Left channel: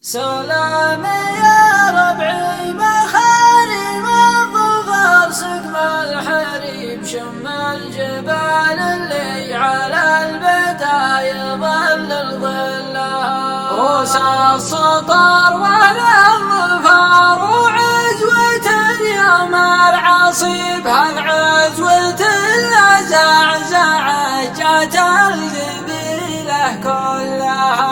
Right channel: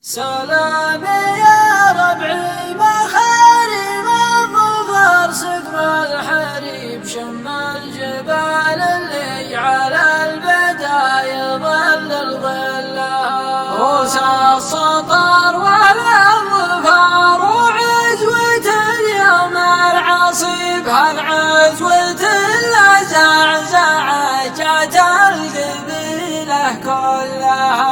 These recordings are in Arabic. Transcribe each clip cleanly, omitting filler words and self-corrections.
سلام يا ربعي مخارم الظفر سقم الحريم شم الجبال اللي على البدايا ظل الظلها روس السطر ولا الظفر وعجوة اليوم العصيب هالعجوة الزعزعة جات القبيلة كلها.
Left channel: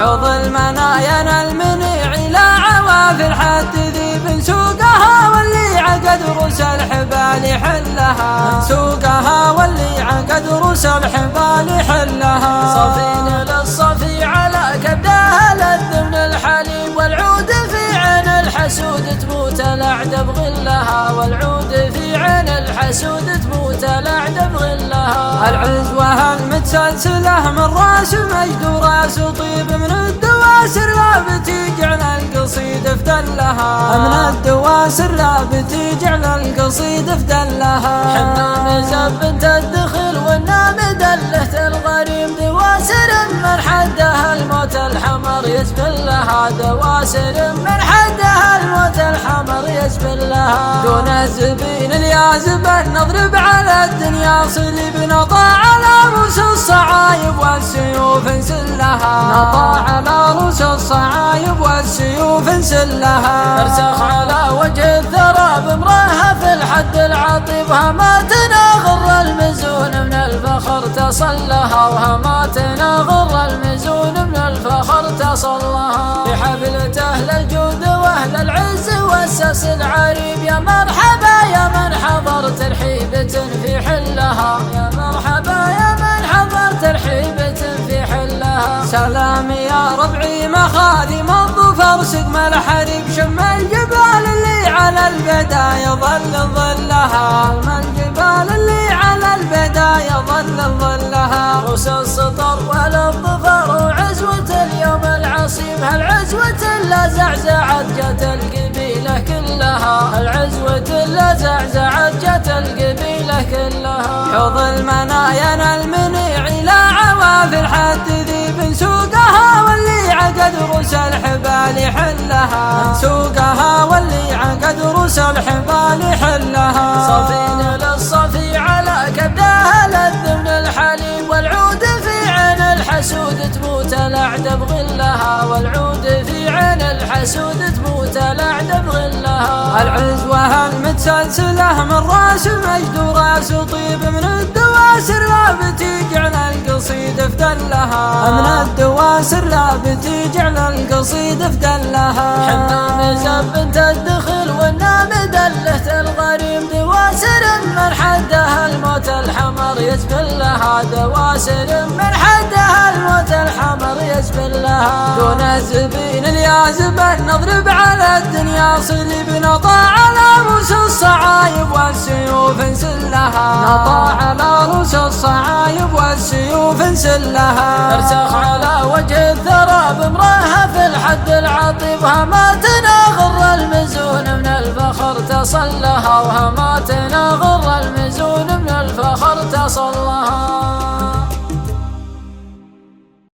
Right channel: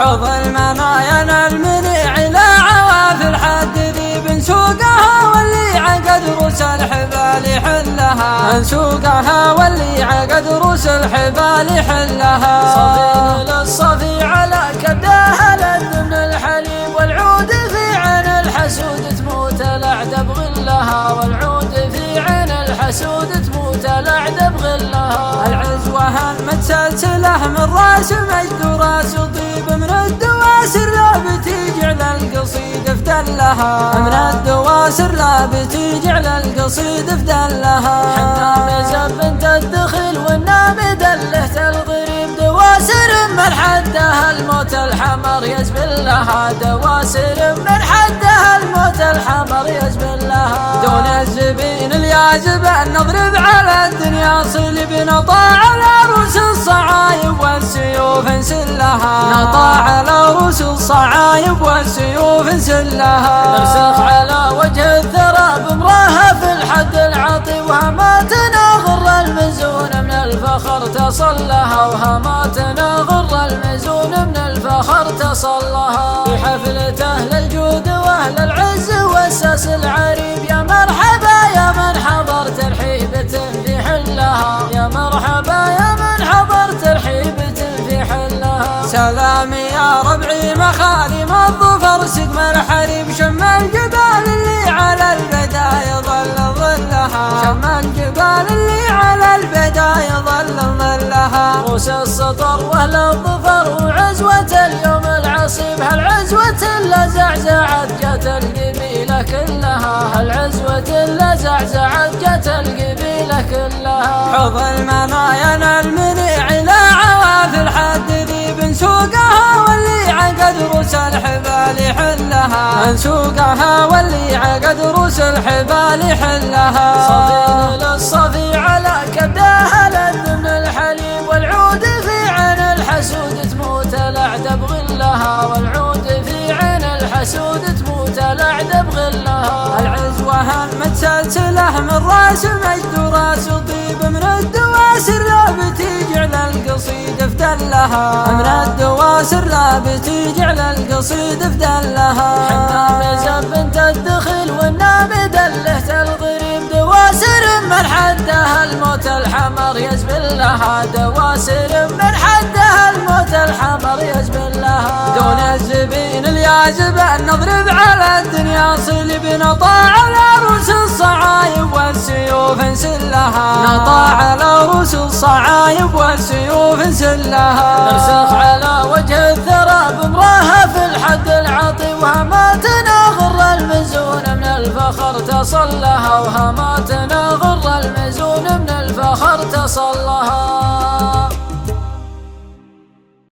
حوض المنايا المنيع إلى عواف الحد ذي بنسوقها واللي عقد روس الحبال حلها بنسوقها واللي عقد روس الحبال حلها. صفينا للصفي على كبدها لد من الحلو والعود في عين الحسود تموت الأعدى بظلها والعود في عين الحسود تموت الأعدى بظلها. العزوة هم سلسلة من راس مجد وراس طيب من الدواسر لا بتيجي على القصيد افدلها من الدواسر لا بتيجي على القصيد افدلها. حنا نزل بنت الدخل والنامد اللهث الغريم دواسر من حدها الموت الحمر يزبل لها دواسر من حدها الموت الحمر يزبل لها. دون الزبين اليازب نضرب على الدنيا صدق نضاع على رؤوس الصعايب والسيوف نسلها نضاع على رؤوس الصعايب والسيوف نسلها. نرسخ على وجه الثرى ببراها في الحد العظيم وهما تناغر المزون من الفخر تصل لها وهما تناغر المزون من الفخر تصل لها. بحفلة أهل الجود وأهل العز والساس العريب يا مرحبا يا من حضرت رحيبة في حلها يا مرحبا يا من حضرت رحيبة في حلها. سلام يا ربعي مخاذم الظفر سقم الحريم شم الجبال اللي على البدايا ظل ظلها شم الجبال اللي على البدايا ظل ظلها. روس السطر ولا الظفر وعزوة اليوم العصيب هالعزوة اللي زعزعت جت القبيلة كلها هالعزوة اللي زعزعت جت القبيلة كلها. حوض المنايا المنيع إلى عواف الحد ذي بنسوقها واللي عقد روس الحبال حلها بنسوقها واللي عقد روس الحبال حلها. صفينا للصفي على كبدها لد من الحلو والعود في عين الحسود تموت الأعدى بظلها والعود في عين الحسود تموت الأعدى بظلها. العزوة هم سلسلة من راس مجد وراس طيب من الدواسر لا بتيجي على القصيد افدلها من الدواسر لا بتيجي على القصيد افدلها. حنا نزل بنت الدخل والنامد اللهث الغريم دواسر من حدها الموت الحمر يزبل لها دواسر من حدها الموت الحمر يزبل لها. دون الزبين اليازب نضرب على الدنيا صدق نضاع على رؤوس الصعايب والسيوف نسلها نضاع على رؤوس الصعايب والسيوف نسلها. نرسخ على وجه الثرى ببراها في الحد العظيم وهما تناغر المزون من الفخر تصل لها